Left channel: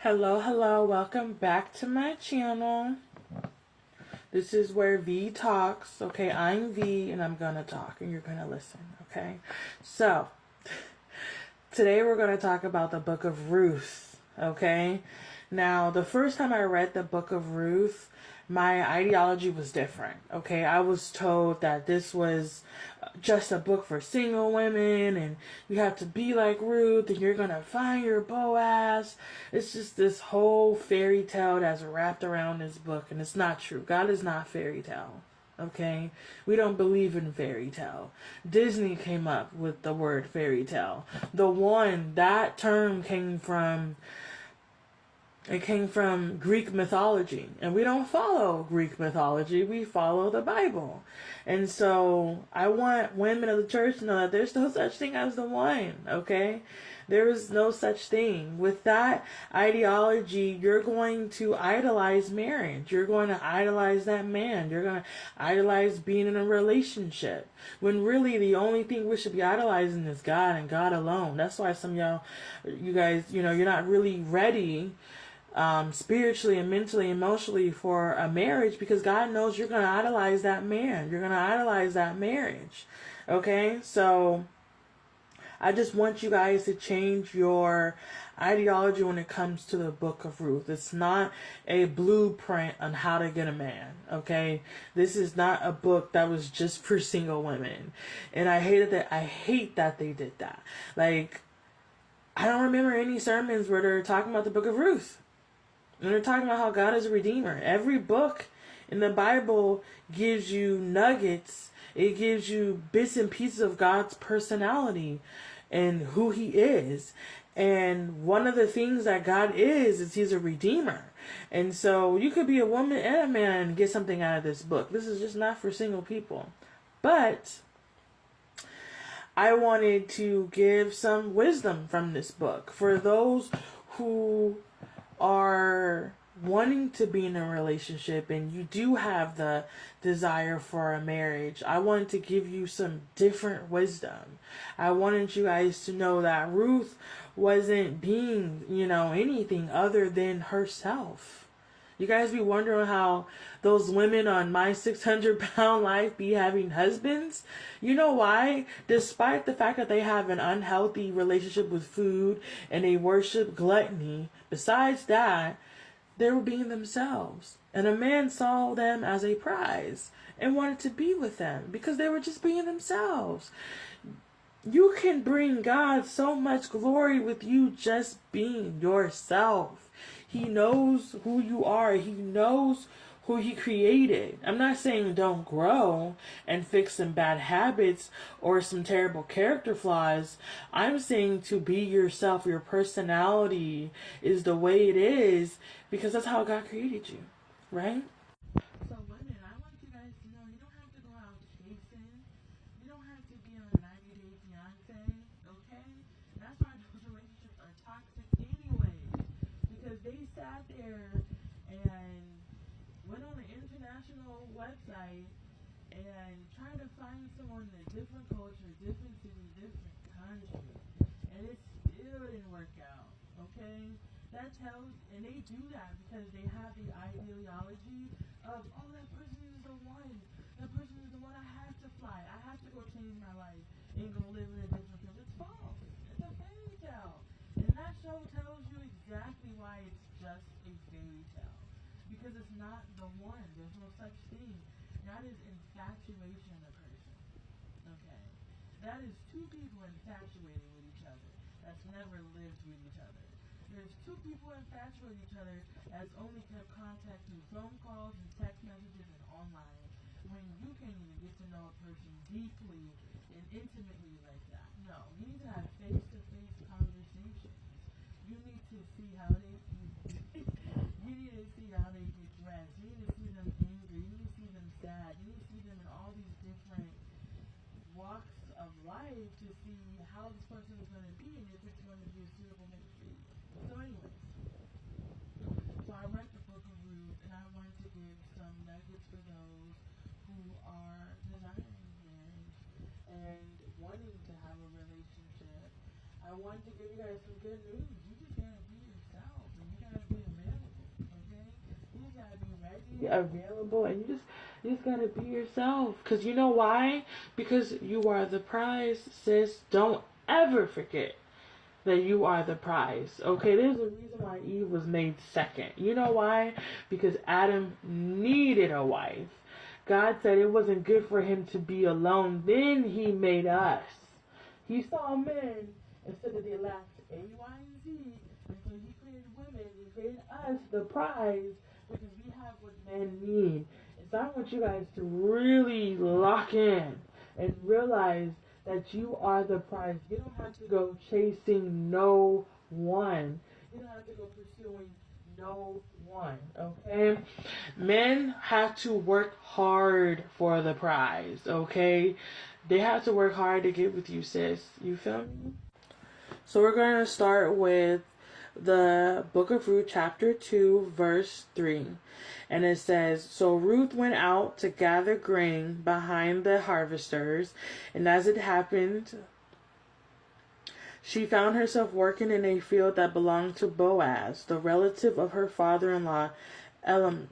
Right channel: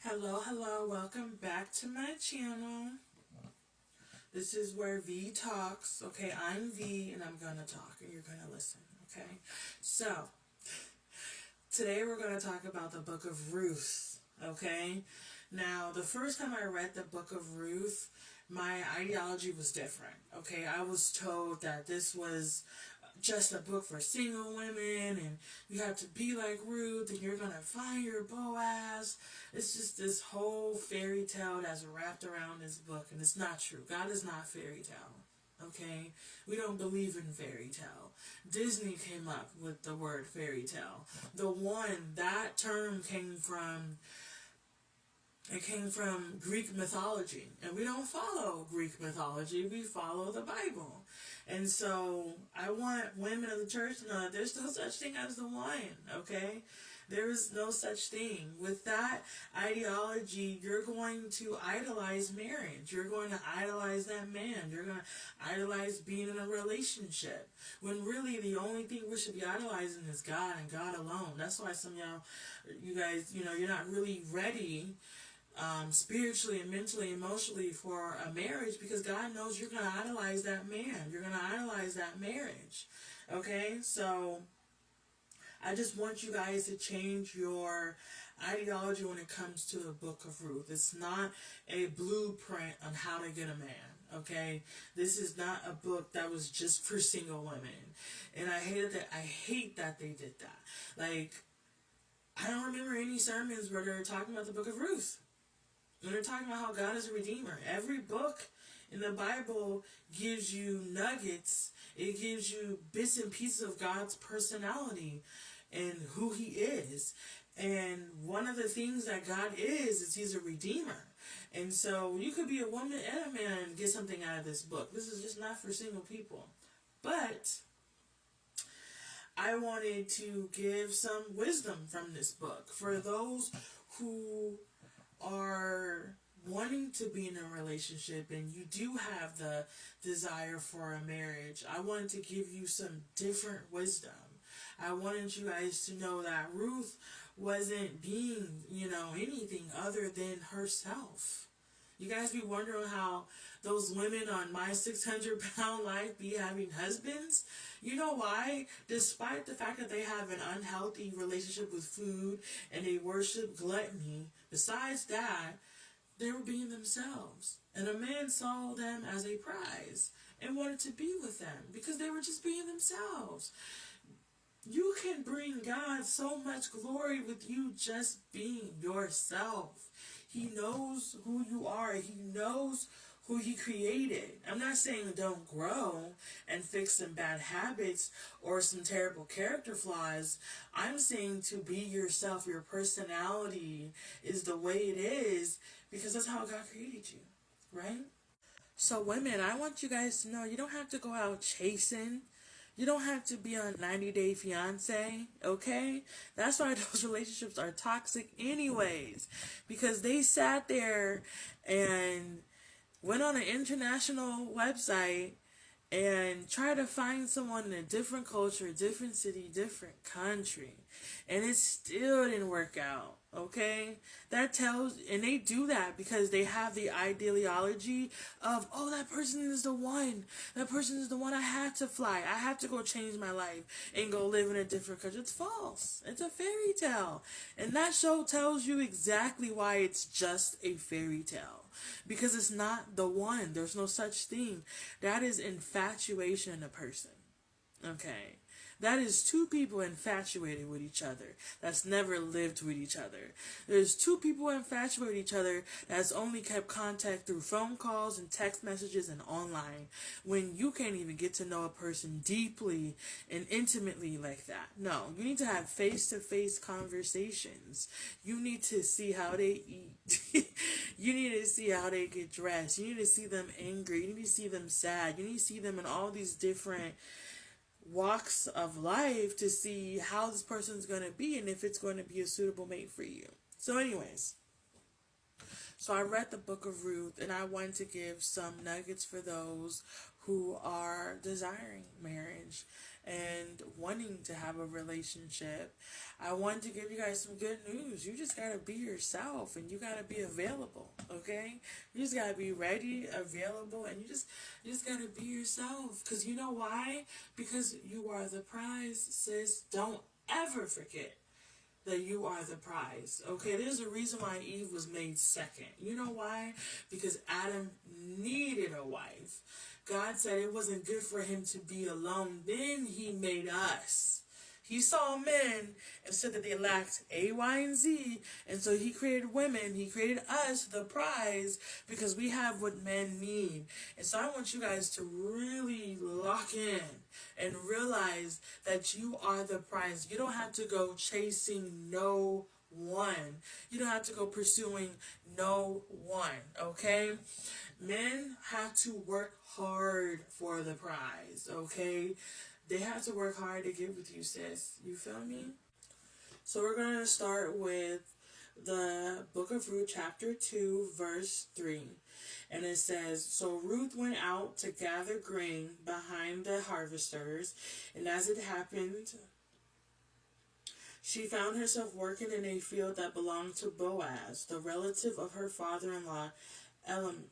Hello, welcome back to my channel. This is where V talks. Okay, I'm V and I'm gonna talk and you're gonna listen. Okay, so today we're gonna talk about the book of Ruth. Okay, now the first time I read the book of Ruth, my ideology was different. Okay, I was told that this was just a book for single women and you have to be like Ruth and you're gonna find your Boaz. It's just this whole fairy tale that's wrapped around this book, and it's not true. God is not fairy tale. Okay, we don't believe in fairy tale. Disney came up with the word fairy tale. That term came from Greek mythology, and we don't follow Greek mythology, we follow the Bible. And so I want women of the church to know that there's no such thing as the one, okay? There is no such thing. With that ideology, you're going to idolize marriage. You're going to idolize that man. You're going to idolize being in a relationship. When really the only thing we should be idolizing is God and God alone. That's why you guys, you're not really ready spiritually and mentally, emotionally for a marriage, because God knows you're going to idolize that man. You're going to idolize that marriage. Okay? So I just want you guys to change your ideology when it comes to the book of Ruth. It's not a blueprint on how to get a man. Okay? This is not a book that was just for single women. And I hate that they did that. Like, I don't remember any sermons where they're talking about the book of Ruth. And they're talking about how God is a redeemer. Every book in the Bible gives you nuggets. It gives you bits and pieces of God's personality and who He is. And one of the things that God is He's a redeemer. And so you could be a woman and a man and get something out of this book. This is just not for single people. But I wanted to give some wisdom from this book for those who are wanting to be in a relationship and you do have the desire for a marriage. I wanted to give you some different wisdom. I wanted you guys to know that Ruth wasn't being, anything other than herself. You guys be wondering how those women on My 600-Pound Life be having husbands? You know why? Despite the fact that they have an unhealthy relationship with food and they worship gluttony, besides that, they were being themselves. And a man saw them as a prize and wanted to be with them because they were just being themselves. You can bring God so much glory with you just being yourself. He knows who you are. He knows who He created. I'm not saying don't grow and fix some bad habits or some terrible character flaws. I'm saying to be yourself. Your personality is the way it is because that's how God created you, right? So women, I want you guys to know you don't have to go out chasing. You don't have to be on 90-Day Fiance, okay? That's why those relationships are toxic anyways. Because they sat there and went on an international website and tried to find someone in a different culture, different city, different country. And it still didn't work out, okay? And they do that because they have the ideology of, oh, that person is the one. That person is the one. I have to fly. I have to go change my life and go live in a different country. It's false. It's a fairy tale. And that show tells you exactly why it's just a fairy tale. Because it's not the one. There's no such thing. That is infatuation in a person. Okay? That is two people infatuated with each other that's never lived with each other. There's two people infatuated with each other that's only kept contact through phone calls and text messages and online, when you can't even get to know a person deeply and intimately like that. No, you need to have face-to-face conversations. You need to see how they eat. You need to see how they get dressed. You need to see them angry. You need to see them sad. You need to see them in all these different walks of life to see how this person's going to be and if it's going to be a suitable mate for you. So anyways, so I read the book of Ruth and I wanted to give some nuggets for those who are desiring marriage and wanting to have a relationship. I wanted to give you guys some good news. You just gotta be yourself and you gotta be available, okay? You just gotta be ready, available, and you just gotta be yourself. Cause you know why? Because you are the prize, sis. Don't ever forget that you are the prize. Okay, there's a reason why Eve was made second. You know why? Because Adam needed a wife. God said it wasn't good for him to be alone. Then he made us. He saw men and said that they lacked A, Y, and Z. And so he created women. He created us, the prize, because we have what men need. And so I want you guys to really lock in and realize that you are the prize. You don't have to go chasing no one. You don't have to go pursuing no one, okay? Men have to work hard for the prize, okay? They have to work hard to get with you, sis. You feel me? So we're going to start with the book of Ruth, chapter 2, verse 3. And it says, So Ruth went out to gather grain behind the harvesters, and as it happened, she found herself working in a field that belonged to Boaz, the relative of her father-in-law, Elam.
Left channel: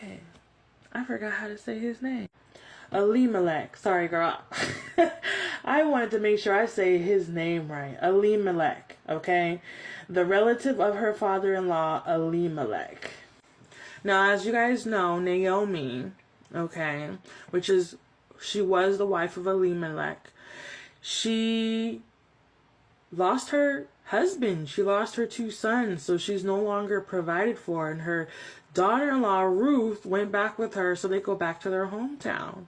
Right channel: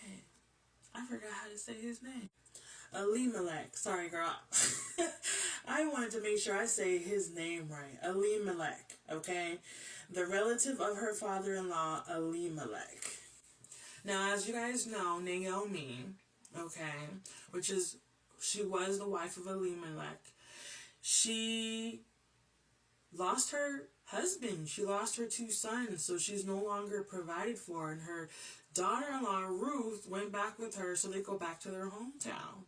Dang, I forgot how to say his name. Elimelech. Sorry, girl. I wanted to make sure I say his name right. Elimelech, okay? The relative of her father-in-law, Elimelech. Now, as you guys know, Naomi, okay, she was the wife of Elimelech. She lost her husband. She lost her 2 sons, so she's no longer provided for. And her daughter-in-law, Ruth, went back with her so they go back to their hometown.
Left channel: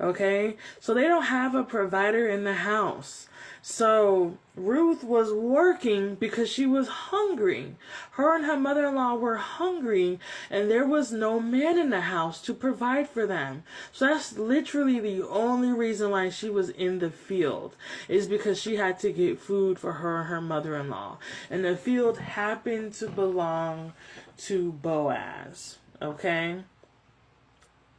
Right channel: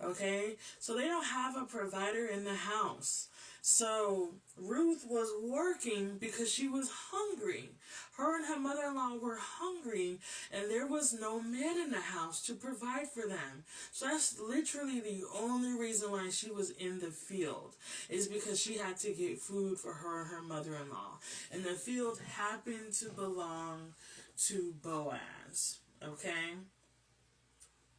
Okay? So they don't have a provider in the house. So Ruth was working because she was hungry. Her and her mother-in-law were hungry, and there was no man in the house to provide for them. So that's literally the only reason why she was in the field, is because she had to get food for her and her mother-in-law. And the field happened to belong to Boaz. Okay?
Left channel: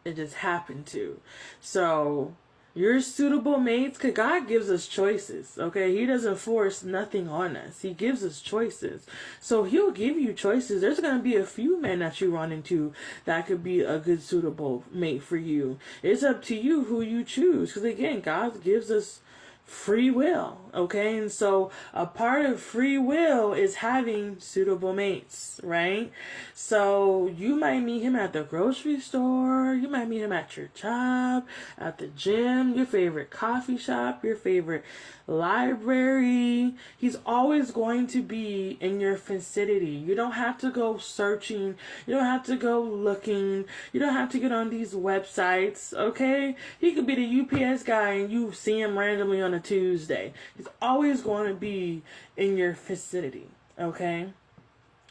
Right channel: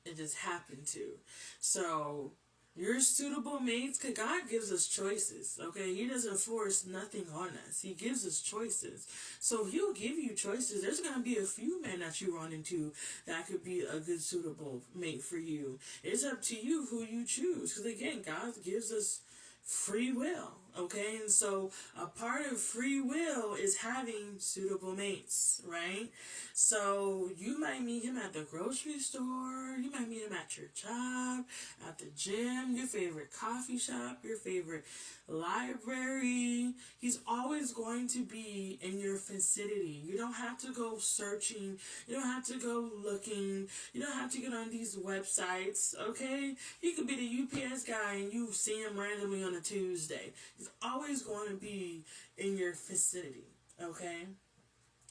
It just happened to. So you're suitable mates, because God gives us choices, okay? He doesn't force nothing on us. He gives us choices. So he'll give you choices. There's going to be a few men that you run into that could be a good suitable mate for you. It's up to you who you choose, because again, God gives us free will, okay? And so a part of free will is having suitable mates, right? So you might meet him at the grocery store, you might meet him at your job, at the gym, your favorite coffee shop, your favorite library. He's always going to be in your vicinity. You don't have to go searching, you don't have to go looking, you don't have to get on these websites, okay? He could be the UPS guy and you see him randomly on a Tuesday. He's always going to be in your vicinity, okay?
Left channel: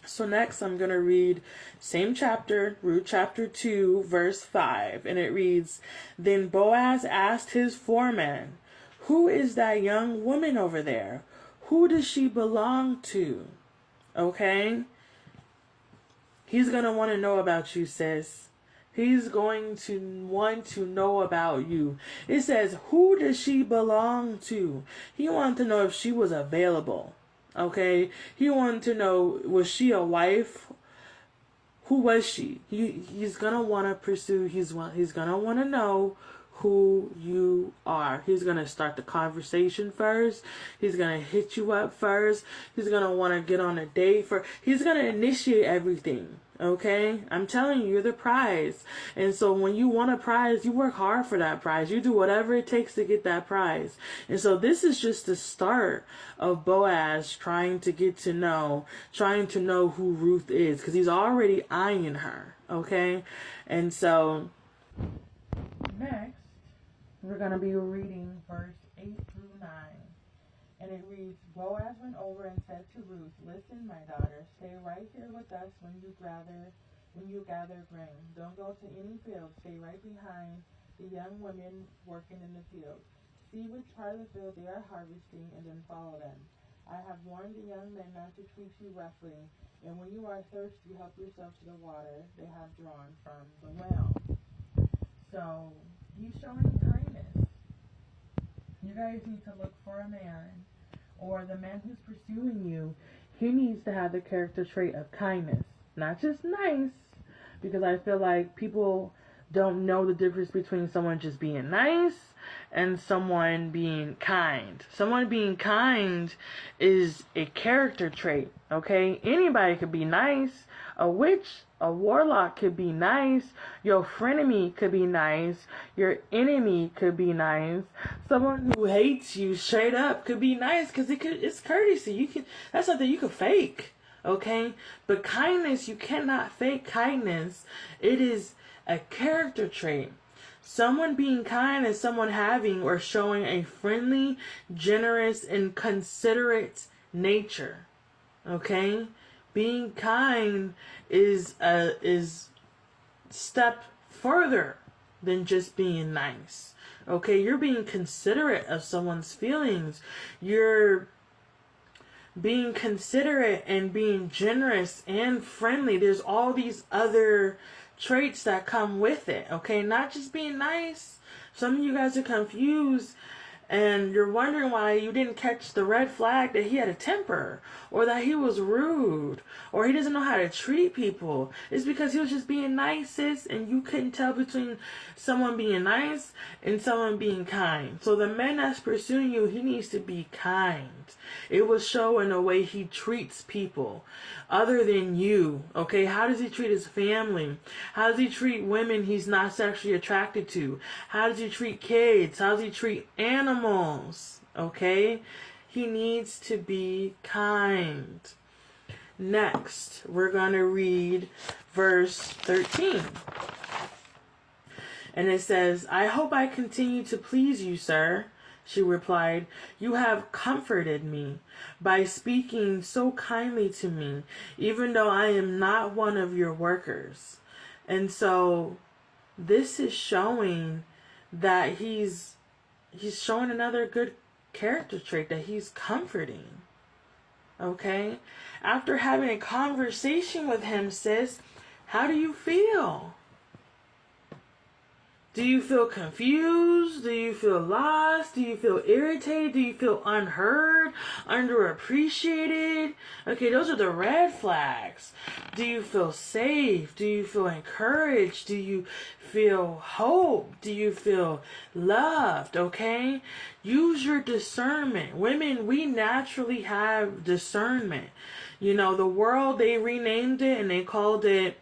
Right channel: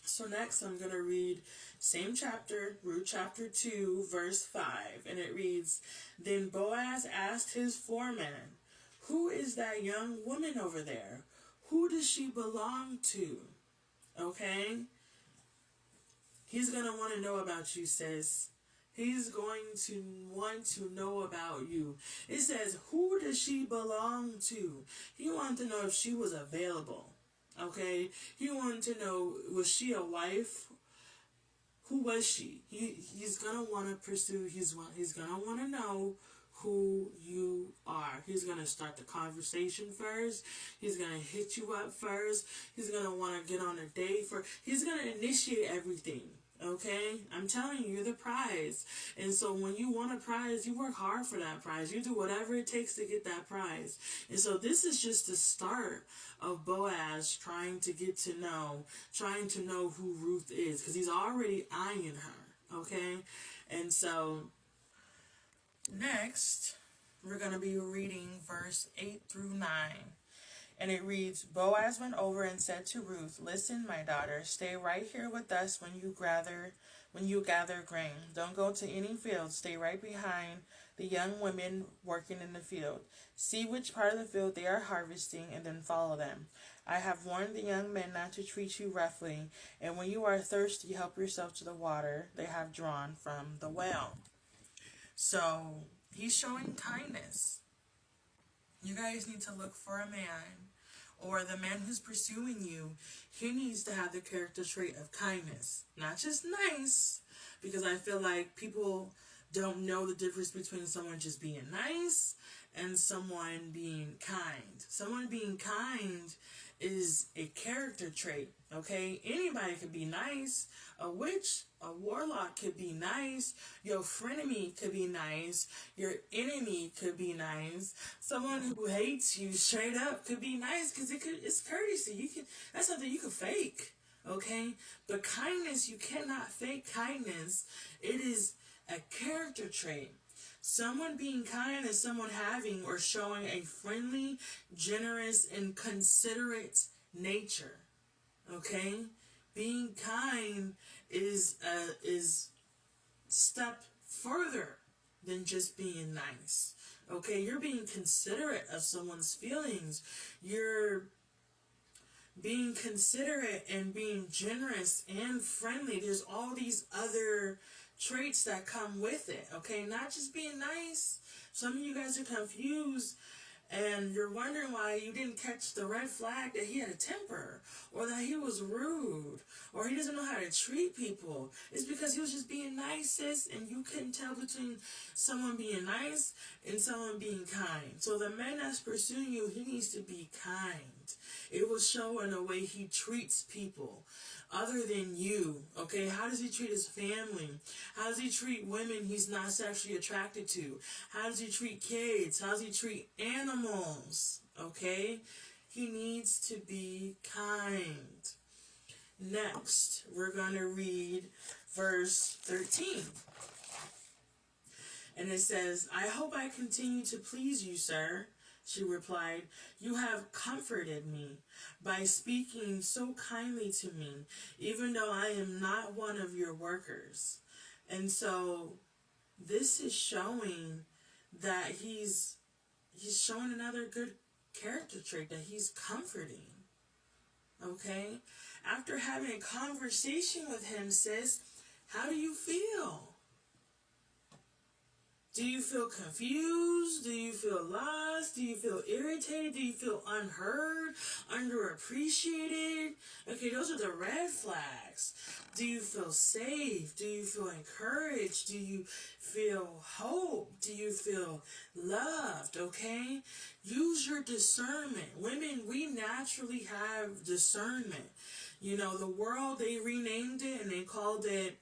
So next I'm going to read same chapter, Ruth chapter 2, verse 5, and it reads, Then Boaz asked his foreman, Who is that young woman over there? Who does she belong to? Okay? He's going to want to know about you, sis. He's going to want to know about you. It says, who does she belong to? He wanted to know if she was available. Okay? He wanted to know, was she a wife? Who was she? He's going to want to pursue, he's going to want to know who you are. He's going to start the conversation first. He's going to hit you up first. He's going to want to get on a date first. He's going to initiate everything. Okay? I'm telling you, you're the prize. And so when you want a prize, you work hard for that prize. You do whatever it takes to get that prize. And so this is just the start of Boaz trying to know who Ruth is, because he's already eyeing her. Okay? And so next, we're going to be reading verse 8 through 9. And it reads, Boaz went over and said to Ruth, Listen, my daughter, stay right here with us when you gather grain. Don't go to any field. Stay right behind the young women working in the field. See which part of the field they are harvesting and then follow them. I have warned the young men not to treat you roughly, and when you are thirsty, help yourself to the water they have drawn from the well. So he's showing kindness. You guys need to look for a man, or the man who's pursuing you, he needs to have the character trait of kindness. Not just nice, because I feel like people don't know the difference between someone just being nice and someone being kind. Someone being kind is a character trait, okay? Anybody could be nice. A witch, a warlock could be nice. Your frenemy could be nice. Your enemy could be nice. Someone who hates you straight up could be nice because it's courtesy. That's something you could fake, okay? But kindness, you cannot fake kindness. It is a character trait. Someone being kind is someone having or showing a friendly, generous, and considerate nature. Okay? Being kind is step further than just being nice. Okay? You're being considerate of someone's feelings. You're being considerate and being generous and friendly. There's all these other traits that come with it, okay? Not just being nice. Some of you guys are confused and you're wondering why you didn't catch the red flag that he had a temper or that he was rude or he doesn't know how to treat people. It's because he was just being nice, sis, and you couldn't tell between someone being nice and someone being kind. So the man that's pursuing you, he needs to be kind. It will show in the way he treats people other than you, okay? How does he treat his family? How does he treat women he's not sexually attracted to? How does he treat kids? How does he treat animals, okay? He needs to be kind. Next, we're going to read verse 13. And it says, "I hope I continue to please you, sir." She replied, "You have comforted me by speaking so kindly to me, even though I am not one of your workers." And so this is showing that he's showing another good character trait, that he's comforting. Okay? After having a conversation with him, sis, how do you feel? Do you feel confused? Do you feel lost? Do you feel irritated? Do you feel unheard? Underappreciated? Okay, those are the red flags. Do you feel safe? Do you feel encouraged? Do you feel hope? Do you feel loved? Okay? Use your discernment. Women, we naturally have discernment. You know, the world, they renamed it and they called it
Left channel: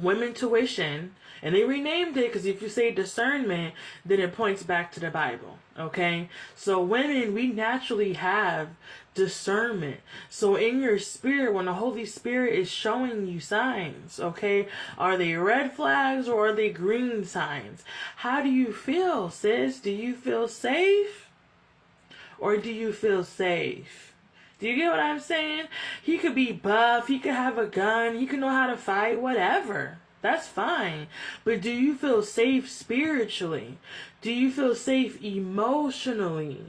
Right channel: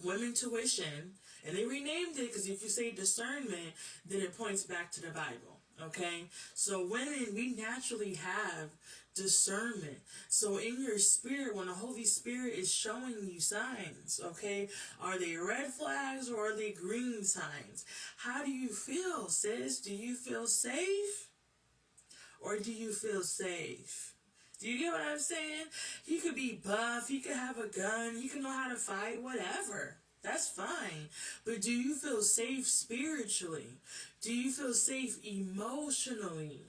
women tuition. And they renamed it because if you say discernment, then it points back to the Bible. Okay? So women, we naturally have discernment. So in your spirit, when the Holy Spirit is showing you signs, okay, are they red flags or are they green signs? How do you feel, sis? Do you feel safe or do you feel safe? Do you get what I'm saying? He could be buff, he could have a gun, he could know how to fight, whatever. That's fine. But do you feel safe spiritually? Do you feel safe emotionally?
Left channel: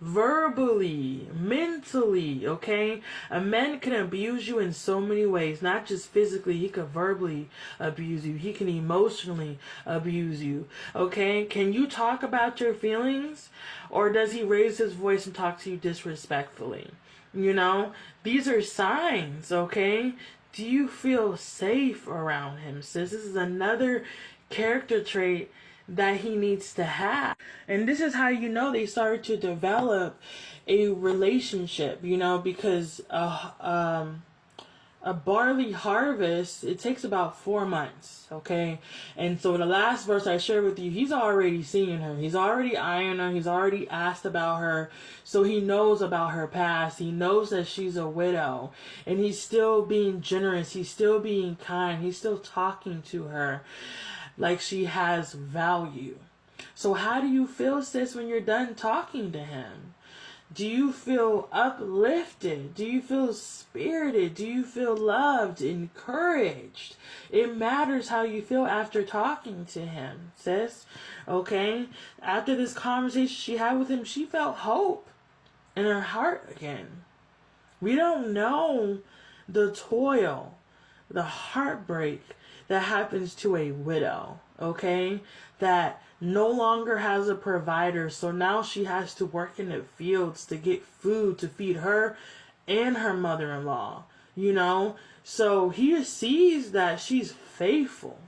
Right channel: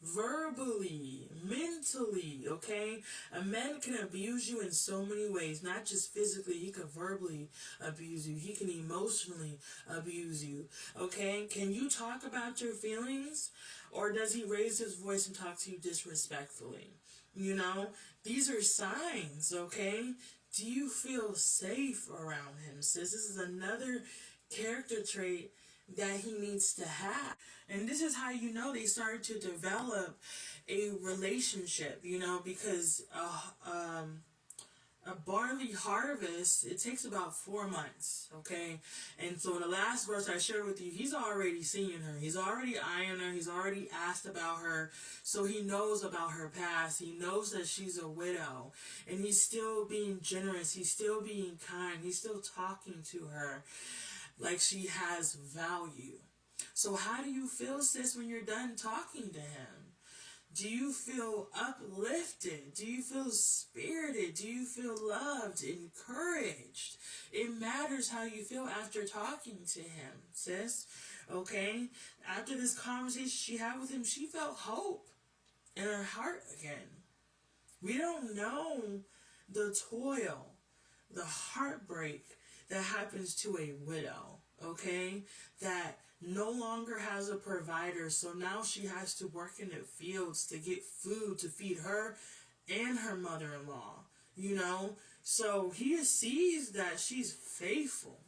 Verbally? Mentally? Okay? A man can abuse you in so many ways. Not just physically. He can verbally abuse you. He can emotionally abuse you. Okay? Can you talk about your feelings? Or does he raise his voice and talk to you disrespectfully? You know? These are signs. Okay? Do you feel safe around him, sis? This is another character trait that he needs to have. And this is how you know they started to develop a relationship, you know, because a barley harvest, it takes about 4 months, okay? And so the last verse I shared with you, he's already seeing her. He's already eyeing her. He's already asked about her. So he knows about her past. He knows that she's a widow. And he's still being generous. He's still being kind. He's still talking to her like she has value. So how do you feel, sis, when you're done talking to him? Do you feel uplifted? Do you feel spirited? Do you feel loved, encouraged? It matters how you feel after talking to him, sis. Okay? After this conversation she had with him, she felt hope in her heart again. We don't know the toil, the heartbreak that happens to a widow, okay? That no longer has a provider, so now she has to work in the fields to get food to feed her and her mother-in-law, you know? So he sees that she's faithful.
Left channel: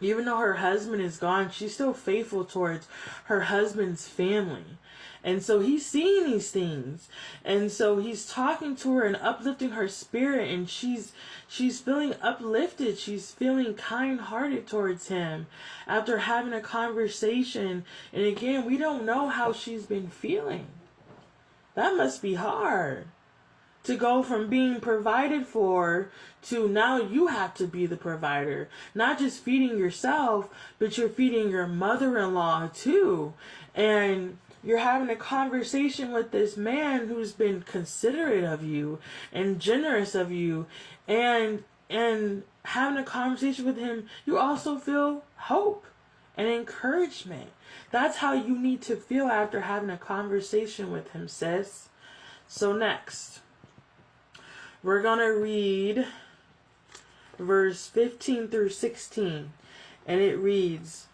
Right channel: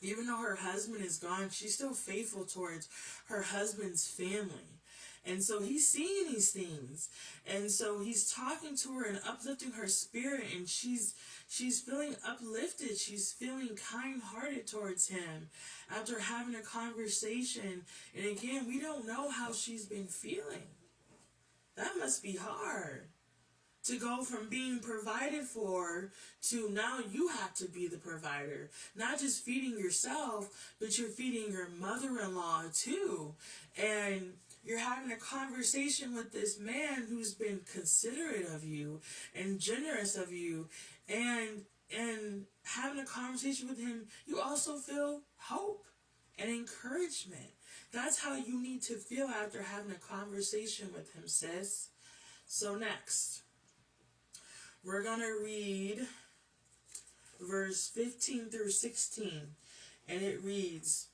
Even though her husband is gone, she's still faithful towards her husband's family. And so he's seeing these things. And so he's talking to her and uplifting her spirit, and she's feeling uplifted. She's feeling kind-hearted towards him after having a conversation. And again, we don't know how she's been feeling. That must be hard. To go from being provided for to now you have to be the provider. Not just feeding yourself, but you're feeding your mother-in-law too. And you're having a conversation with this man who's been considerate of you and generous of you, and having a conversation with him, you also feel hope and encouragement. That's how you need to feel after having a conversation with him, sis. So next, we're going to read verse 15 through 16, and it reads,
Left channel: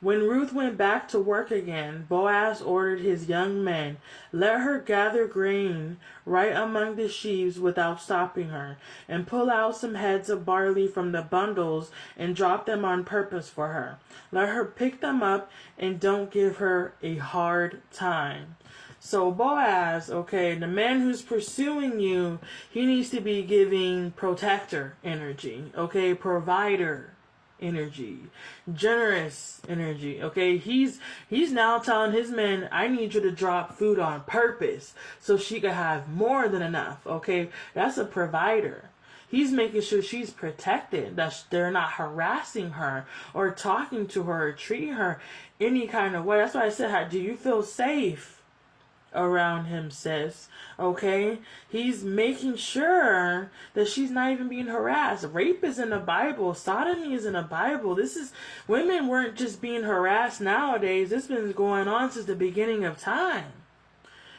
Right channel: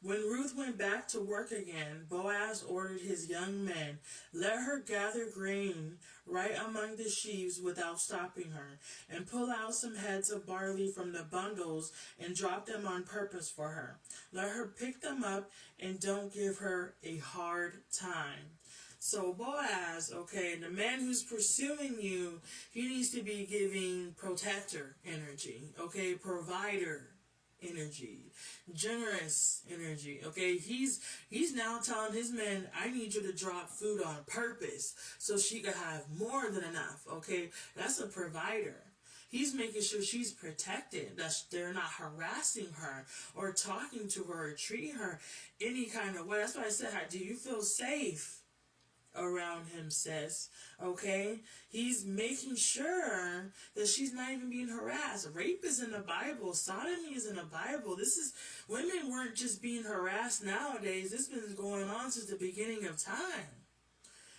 "When Ruth went back to work again, Boaz ordered his young men, 'Let her gather grain right among the sheaves without stopping her, and pull out some heads of barley from the bundles and drop them on purpose for her. Let her pick them up and don't give her a hard time.'" So Boaz, okay, the man who's pursuing you, he needs to be giving protector energy, okay, provider energy, generous energy, okay. He's now telling his men, I need you to drop food on purpose so she could have more than enough, okay. That's a provider. He's making sure she's protected, that they're not harassing her or talking to her or treating her any kind of way. That's why I said, do you feel safe around him, sis? Okay, he's making sure that she's not even being harassed. Rape is in the Bible. Sodomy is in the Bible. Women weren't just being harassed nowadays. This has been going on since the beginning of time.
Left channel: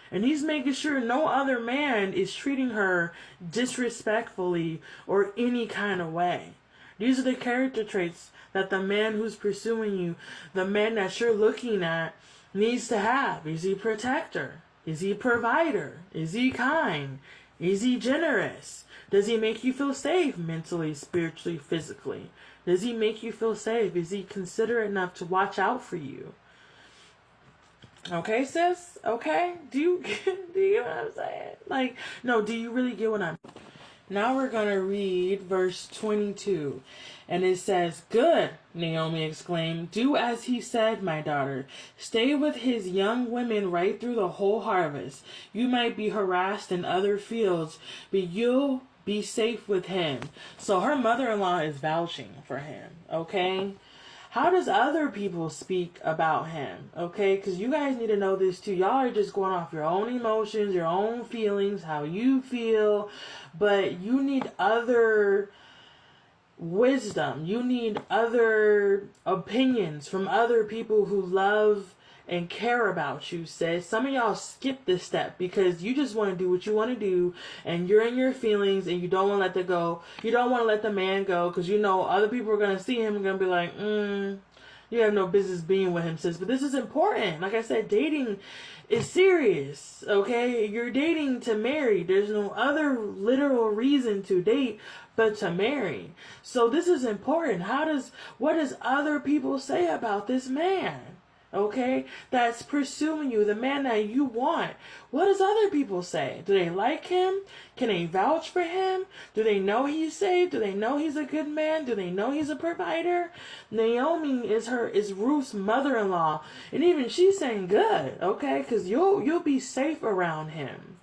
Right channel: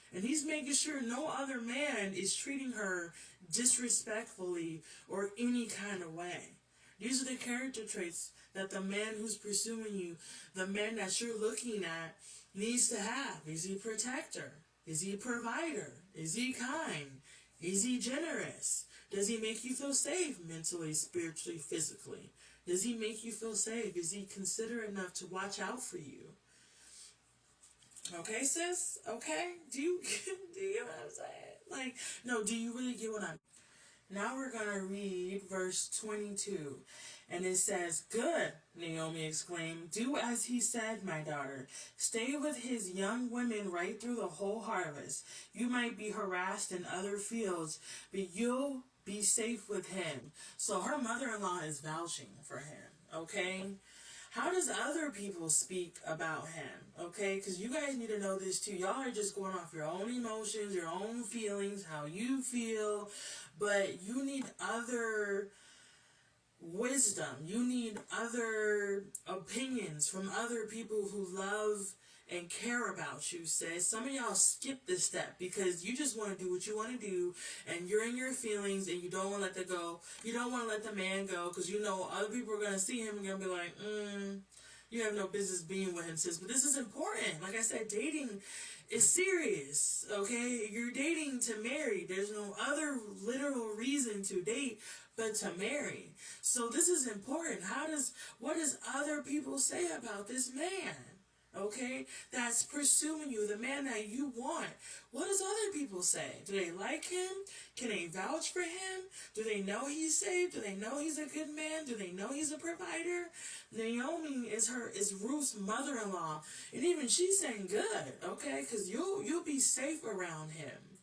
And he's making sure no other man is treating her disrespectfully or any kind of way. These are the character traits that the man who's pursuing you, the man that you're looking at, needs to have. Is he a protector? Is he a provider? Is he kind? Is he generous? Does he make you feel safe mentally, spiritually, physically? Does he make you feel safe? Is he considerate enough to watch out for you? Okay, sis? Okay? Do you get what I'm saying? Like, no, do you really get what I'm saying? Now we're going to read verse 22. And it says, "Good," Naomi exclaimed. "Do as he said, my daughter. Stay with his young women right through the whole harvest. You might be harassed in other fields, but you'll be safe with him." So her mother-in-law is vouching for him, okay? How does other people speak about him, okay? Because you guys need to know this too. Y'all are just going off your own emotions, your own feelings, how you feel, but you need other wisdom. You need other opinions from other people who love and care about you, sis. Some of y'all skip this step because you just want to do what you want to do, and you're in your feelings, and you don't want to let that go. You don't want to let the man go because you know other people are going to see him and going to be like, you have no business being with him, sis. But this is important. Like I said, dating is serious, okay? You're dating to marry. There's no other literal reason to date but to marry. So this is important. What does other people say about this man? Okay, that's pursuing you, the man that you want. What does other people say? Do they like him? Can they vouch for him? Do they know he's saved? Do they know he's a good man? Do they know he's a provider? Naomi is Ruth's mother-in-law, and even she's saying good, okay, because you'll be safe around him.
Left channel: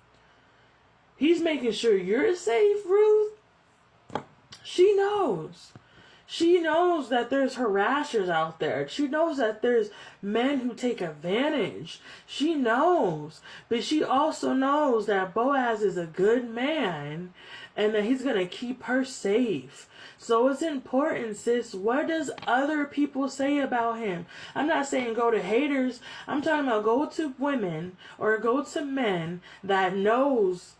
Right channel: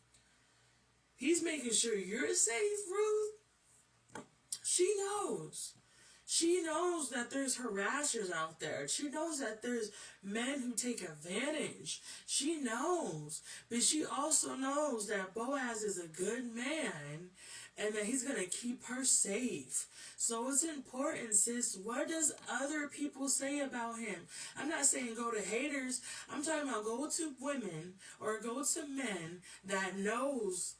He's making sure you're safe, Ruth. She knows. She knows that there's harassers out there. She knows that there's men who take advantage. She knows. But she also knows that Boaz is a good man and that he's going to keep her safe. So it's important, sis. What does other people say about him? I'm not saying go to haters. I'm talking about go to women or go to men that knows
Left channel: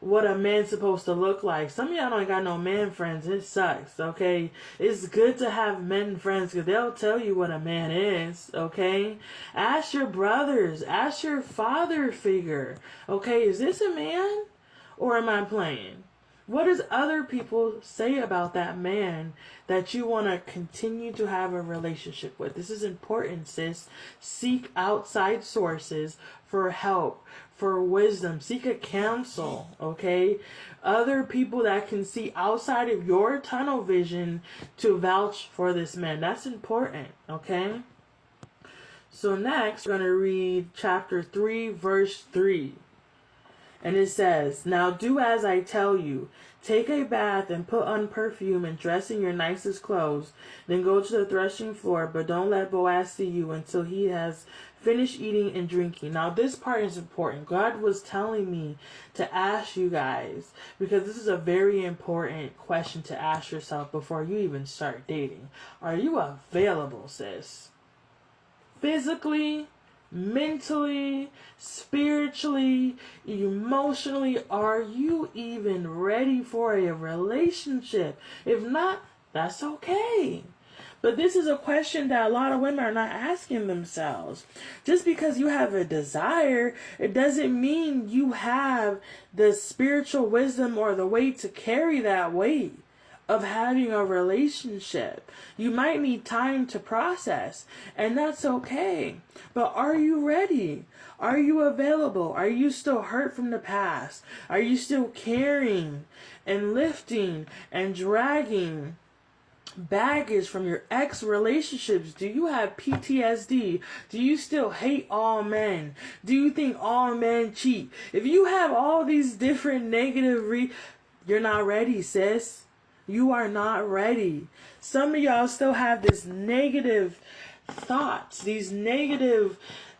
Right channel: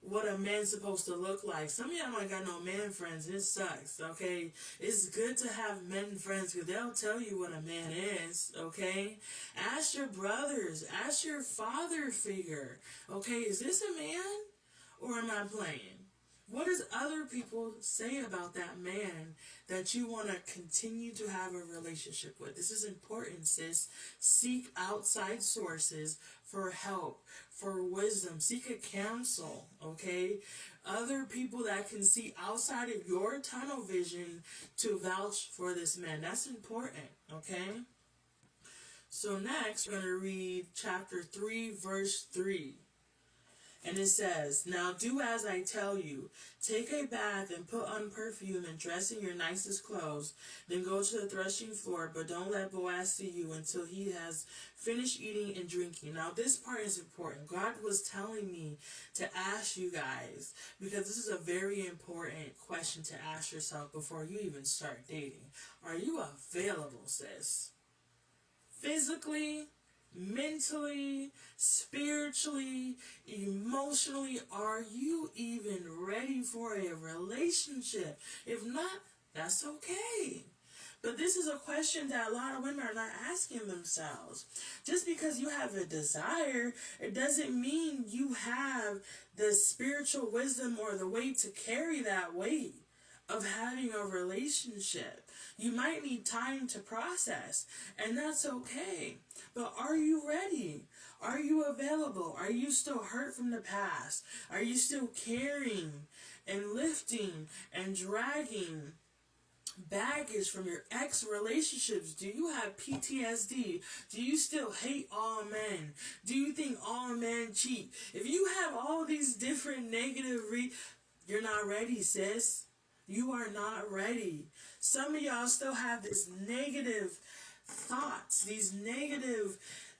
what a man's supposed to look like. Some of y'all don't got no man friends. It sucks, okay? It's good to have men friends because they'll tell you what a man is, okay? Ask your brothers. Ask your father figure, okay? Is this a man or am I playing? What does other people say about that man that you want to continue to have a relationship with? This is important, sis. Seek outside sources for help, for wisdom. Seek a counsel, okay? Other people that can see outside of your tunnel vision to vouch for this man. That's important, okay? So next, we're going to read chapter 3, verse 3. And it says, "Now do as I tell you. Take a bath and put on perfume and dress in your nicest clothes. Then go to the threshing floor, but don't let Boaz see you until he has finished eating and drinking." Now this part is important. God was telling me to ask you guys, because this is a very important question to ask yourself before you even start dating. Are you available, sis? Physically, mentally, spiritually, emotionally, are you even ready for a relationship? If not, that's okay. But this is a question that a lot of women are not asking themselves. Just because you have a desire, it doesn't mean you have the spiritual wisdom or the weight to carry that weight of having a relationship. You might need time to process, and that's okay. But are you ready? Are you available? Are you still hurt from the past? Are you still carrying and lifting and dragging baggage from your ex relationships? Do you have PTSD? Do you still hate all men? Do you think all men cheat? If you have all these different negative you're not ready, sis. You are not ready. Some of y'all still have this negative thoughts, these negative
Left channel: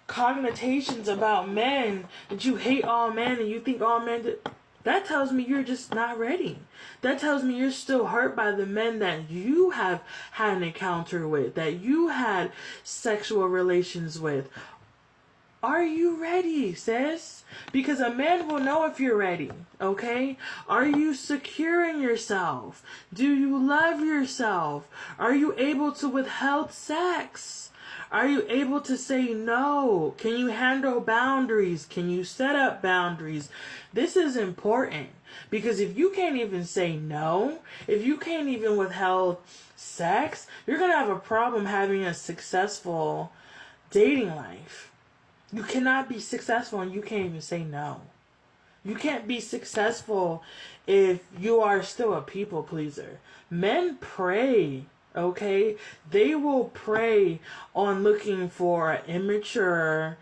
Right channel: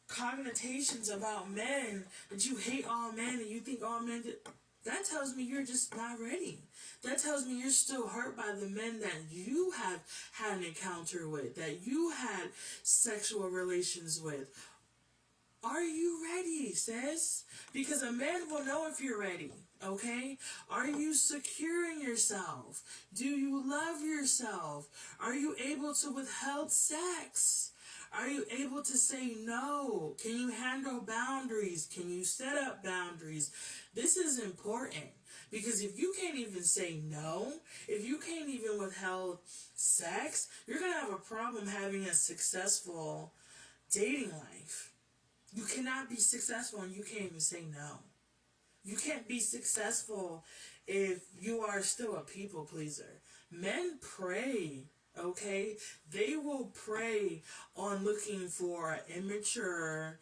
connotations about men, that you hate all men and you think all men that tells me you're just not ready. That tells me you're still hurt by the men that you have had an encounter with, that you had sexual relations with. Are you ready, sis? Because a man will know if you're ready, okay? Are you secure in yourself? Do you love yourself? Are you able to withhold sex? Are you able to say no? Can you handle boundaries? Can you set up boundaries? This is important because if you can't even say no, if you can't even withhold sex, you're going to have a problem having a successful dating life. You cannot be successful and you can't even say no. You can't be successful if you are still a people pleaser. Men pray, okay? They will prey on looking for an immature,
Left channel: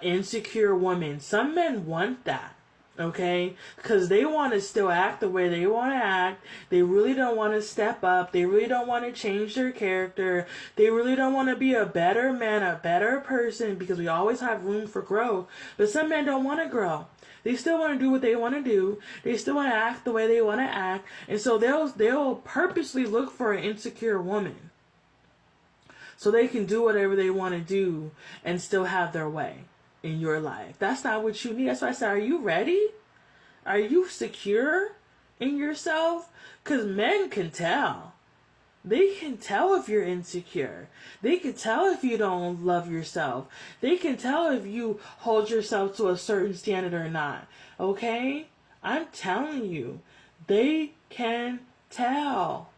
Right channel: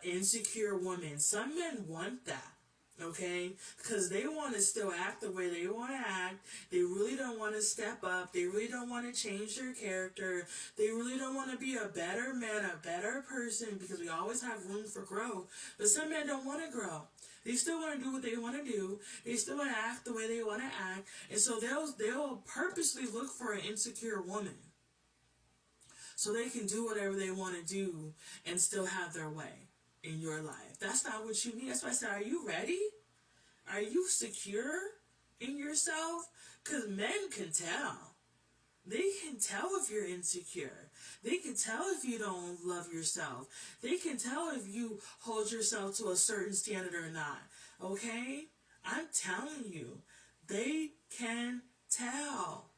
insecure woman. Some men want that. Okay, because they want to still act the way they want to act. They really don't want to step up. They really don't want to change their character. They really don't want to be a better man, a better person, because we always have room for growth. But some men don't want to grow. They still want to do what they want to do. They still want to act the way they want to act. And so they'll purposely look for an insecure woman so they can do whatever they want to do and still have their way in your life. That's not what you need. That's why I said, are you ready? Are you secure in yourself? Because men can tell. They can tell if you're insecure. They can tell if you don't love yourself. They can tell if you hold yourself to a certain standard or not. Okay? I'm telling you, they can tell.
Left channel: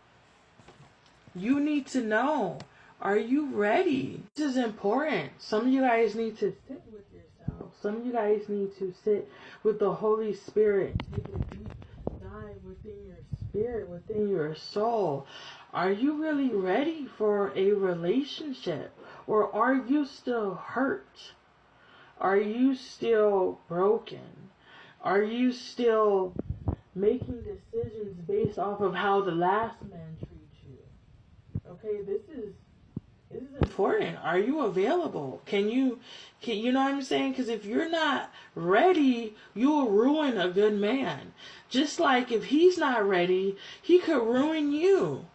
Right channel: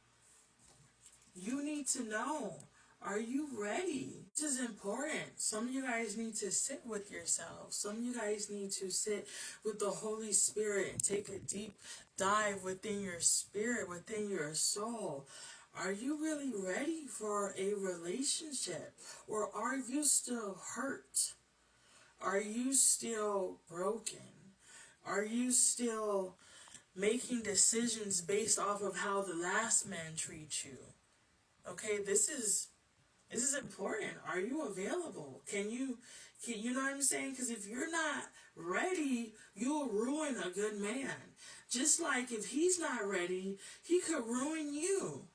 You need to know. Are you ready? This is important. Some of you guys need to sit with yourself. Some of you guys need to sit with the Holy Spirit and take a deep dive within your spirit, within your soul. Are you really ready for a relationship? Or are you still hurt? Are you still broken? Are you still making decisions based off of how the last man treats you? Okay, this is important. Are you available? Can you know what I'm saying? Because if you're not ready, you will ruin a good man. Just like if he's not ready, he could ruin you.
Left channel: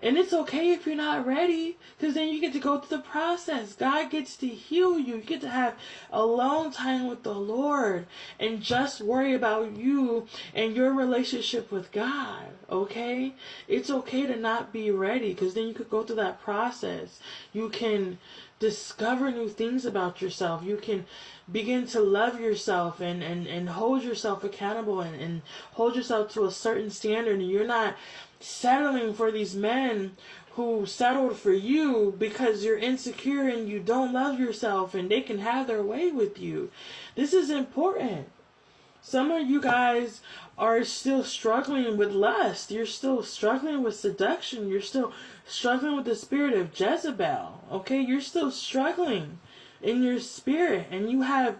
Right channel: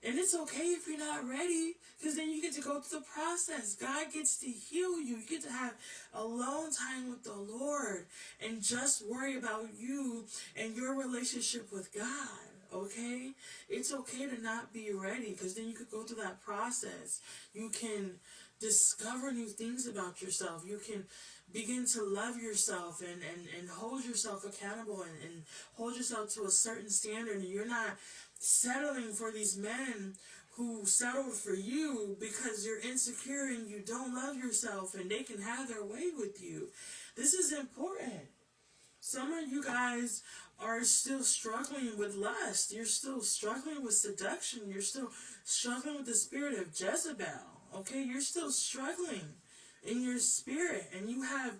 And it's okay if you're not ready, because then you get to go through the process. God gets to heal you. You get to have alone time with the Lord and just worry about you and your relationship with God, okay? It's okay to not be ready, because then you could go through that process. You can discover new things about yourself. You can begin to love yourself and hold yourself accountable and hold yourself to a certain standard. And you're not settling for these men who settled for you because you're insecure and you don't love yourself and they can have their way with you. This is important. Some of you guys are still struggling with lust. You're still struggling with seduction. You're still struggling with the spirit of Jezebel. Okay? You're still struggling in your spirit, and you have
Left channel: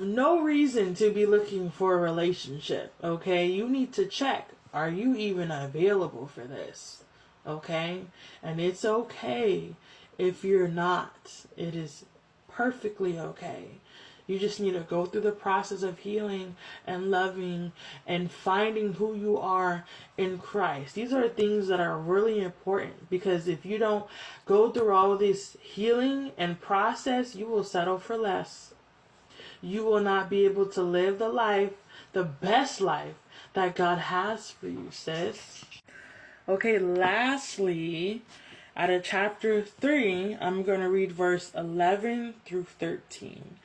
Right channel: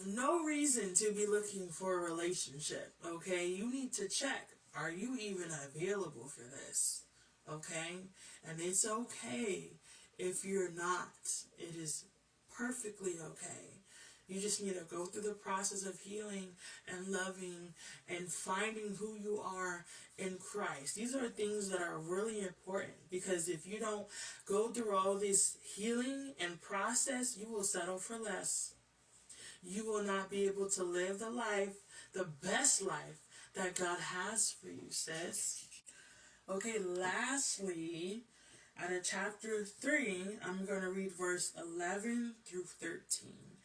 no reason to be looking for a relationship. Okay? You need to check. Are you even available for this? Okay? And it's okay if you're not. It is perfectly okay. You just need to go through the process of healing and loving and finding who you are in Christ. These are things that are really important, because if you don't go through all this healing and process, you will settle for less. You will not be able to live the life, the best life that God has for you, sis. Okay, lastly, out of chapter 3, I'm going to read verse 11 through 13.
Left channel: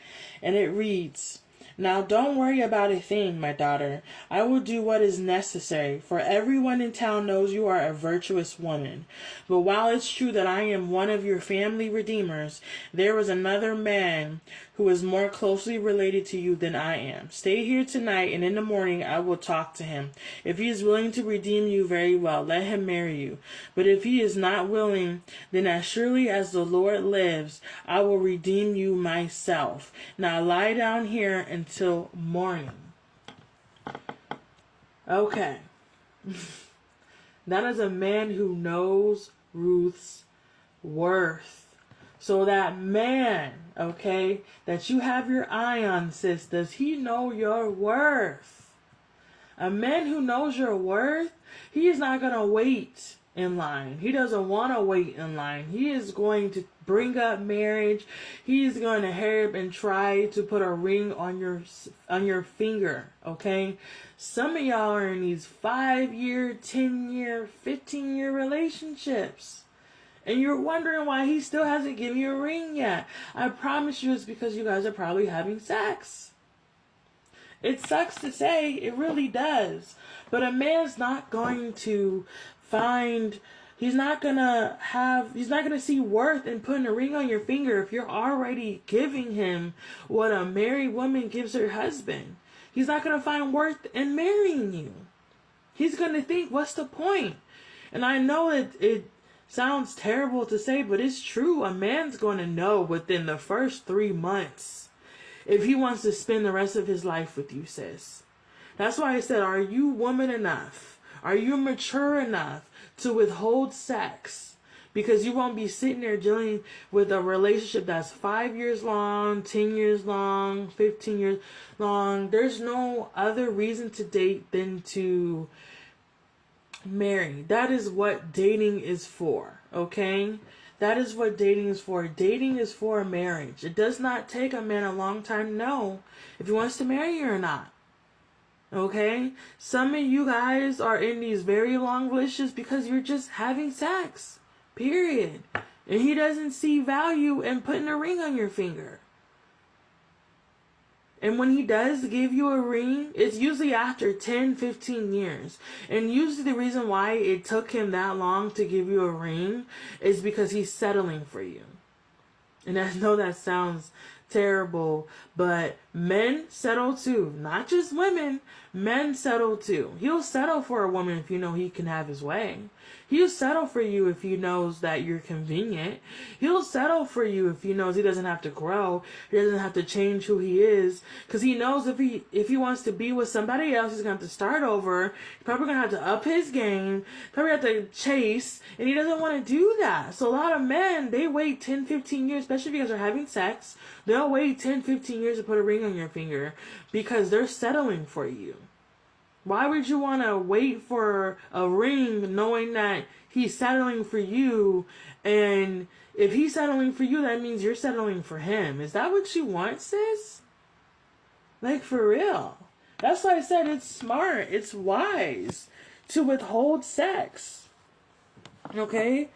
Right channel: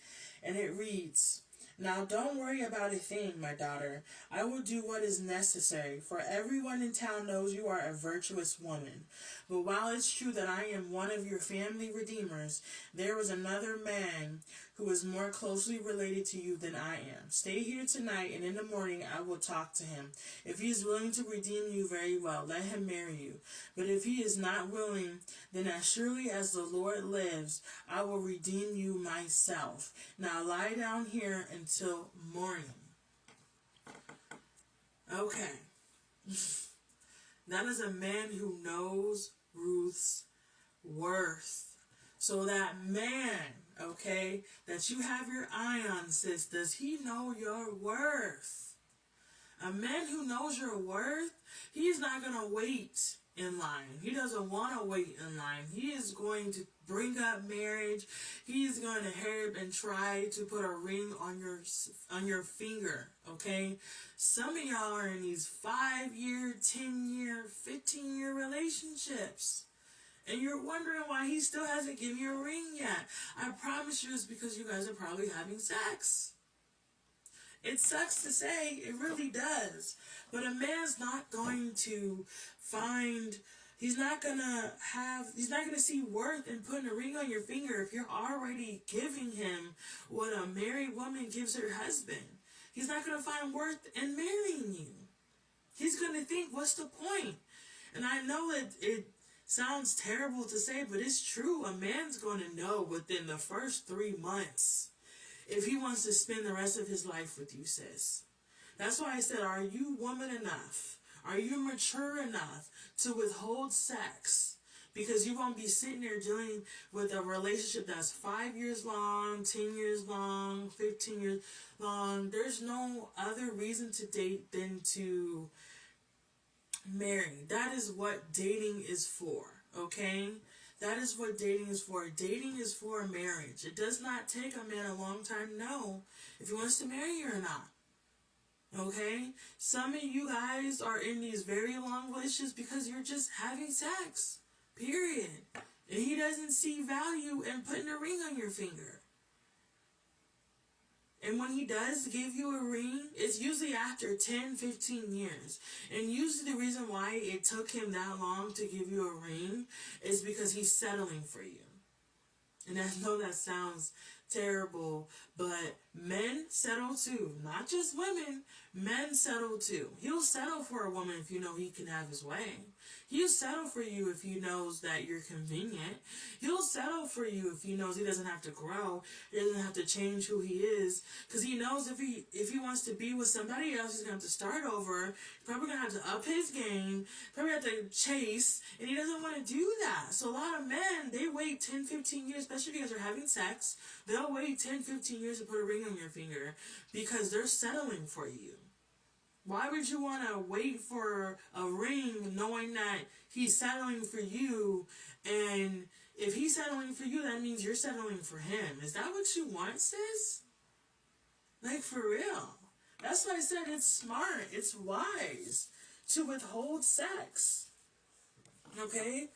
And it reads, "Now don't worry about a thing, my daughter. I will do what is necessary, for everyone in town knows you are a virtuous woman. But while it's true that I am one of your family redeemers, there is another man who is more closely related to you than I am. Stay here tonight, and in the morning I will talk to him. If he is willing to redeem you, very well, let him marry you. But if he is not willing, then as surely as the Lord lives, I will redeem you myself. Now lie down here until morning." Okay. That is a man who knows Ruth's worth. So that man, okay, that you have your eye on, sis, does he know your worth? A man who knows your worth, he is not going to wait in line. He doesn't want to wait in line. He is going to bring up marriage. He is going to hurry up and try to put a ring on your finger, okay? Some of y'all are in these 5-year, 10-year, 15-year relationships. And you're wondering why he still hasn't given you a ring yet. I promise you it's because you guys are probably having sex. It sucks to say, it really does. But a man's not going to he's not going to see worth in putting a ring on your finger if you're already giving him what a married woman gives her husband. He's not going to find worth in marrying you. He's going to think, what's the point? And I know it sounds terrible to say, but it's true. A man's going to know within the first 3 months if he wants to spend the rest of his life with you, sis. That's why I said, are you woman enough? Are you mature enough to withhold sex? Because you won't be sitting there dealing with a relationship that's 5 years long, 10 years long, 15 years long. There's no other reason to date than to marry. That is what dating is for, okay? That is what dating is for. Dating is for marriage. It does not take a man a long time to know if he wants to marry you or not. Okay? Some of you guys are in these very long relationships because you're just having sex. Period. And he doesn't see value in putting a ring on your finger. And when he does give you a ring, it's usually after 10, 15 years. And usually the reason why it took him that long to give you a ring is because he's settling for you. And I know that sounds terrible, but men settle too. Not just women. Men settle too. He'll settle for a woman if you know he can have his way. He'll settle for you if he knows that you're convenient. He'll settle for you if he knows he doesn't have to grow. He doesn't have to change who he is. Because he knows if he wants to be with somebody else, he's going to have to start over. He's probably going to have to up his game. Probably have to chase. And he doesn't want to do that. So a lot of men, they wait 10, 15 years, especially if you guys are having sex. They'll wait 10, 15 years to put a ring on your finger because they're settling for you. Why would you want to wait for a ring knowing that he's settling for you? And if he's settling for you, that means you're settling for him. Is that what you want, sis? Like, for real. That's why I said it's smart. It's wise to withhold sex. Okay?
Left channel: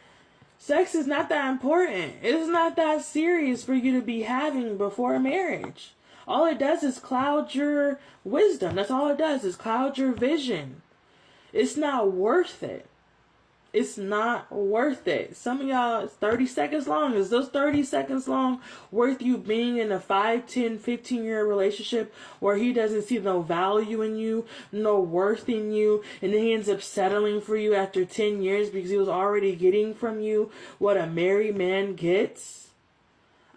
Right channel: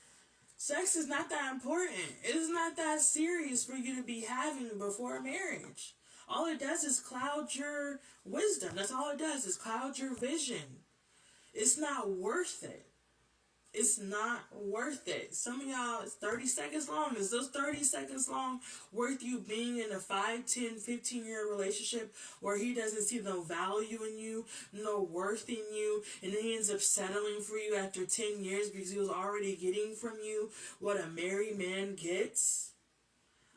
Sex is not that important. It is not that serious for you to be having before marriage. All it does is cloud your wisdom. That's all it does, is cloud your vision. It's not worth it. It's not worth it. Some of y'all, it's 30 seconds long. Is those 30 seconds long worth you being in a 5, 10, 15-year relationship where he doesn't see no value in you, no worth in you, and then he ends up settling for you after 10 years because he was already getting from you what a married man gets?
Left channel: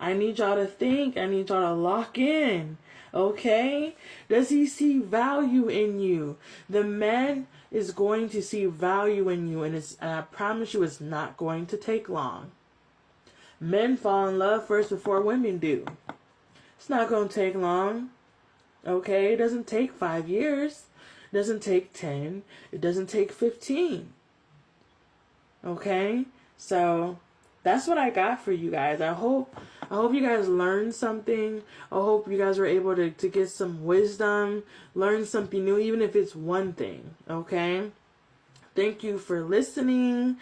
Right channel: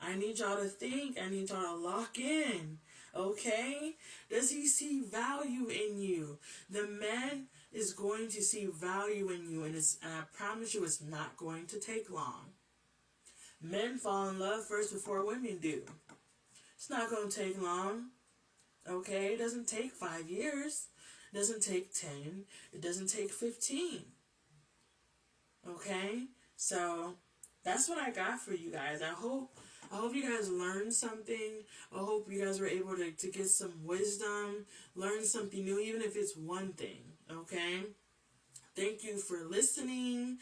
I need y'all to think. I need y'all to lock in. Okay? Does he see value in you? The man is going to see value in you, and I promise you it's not going to take long. Men fall in love first before women do. It's not going to take long. Okay? It doesn't take 5 years. It doesn't take 10. It doesn't take 15. Okay? So that's what I got for you guys. I hope you guys learned something. I hope you guys were able to get some wisdom, learn something new, even if it's one thing, okay? Thank you for listening.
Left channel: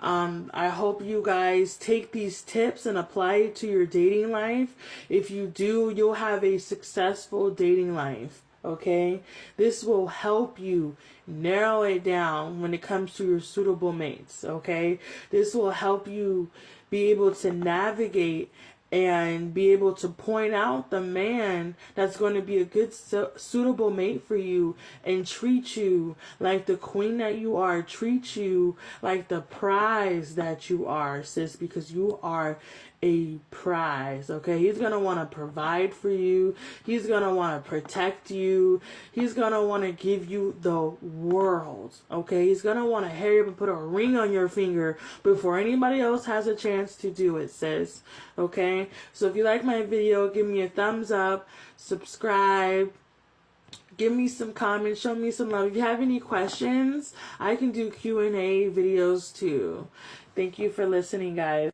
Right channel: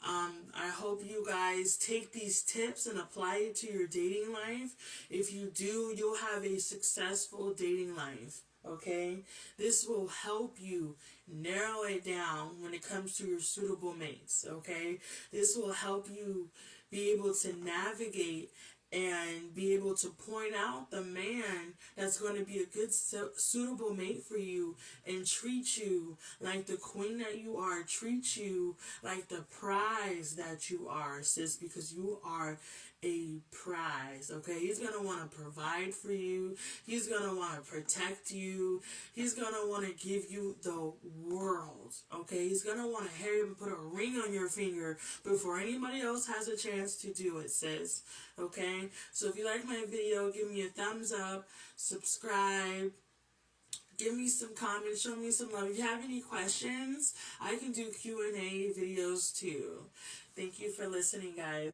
I hope you guys take these tips and apply it to your dating life. If you do, you'll have a successful dating life, okay? This will help you narrow it down when it comes to your suitable mates, okay? This will help you be able to navigate and be able to point out the man that's going to be a good, suitable mate for you and treat you like the queen that you are, treat you like the prize that you are, sis, because you are a prize, okay? He's going to want to provide for you. He's going to want to protect you. He's going to want to give you the world, okay? He's going to want to hurry up and put a ring on your finger before anybody else has a chance to do it, sis, okay? So if you like my video, give me a thumbs up, subscribe, give me some comments, show me some love. If you have any questions, I can do Q&A videos too. Thank you for listening, guys.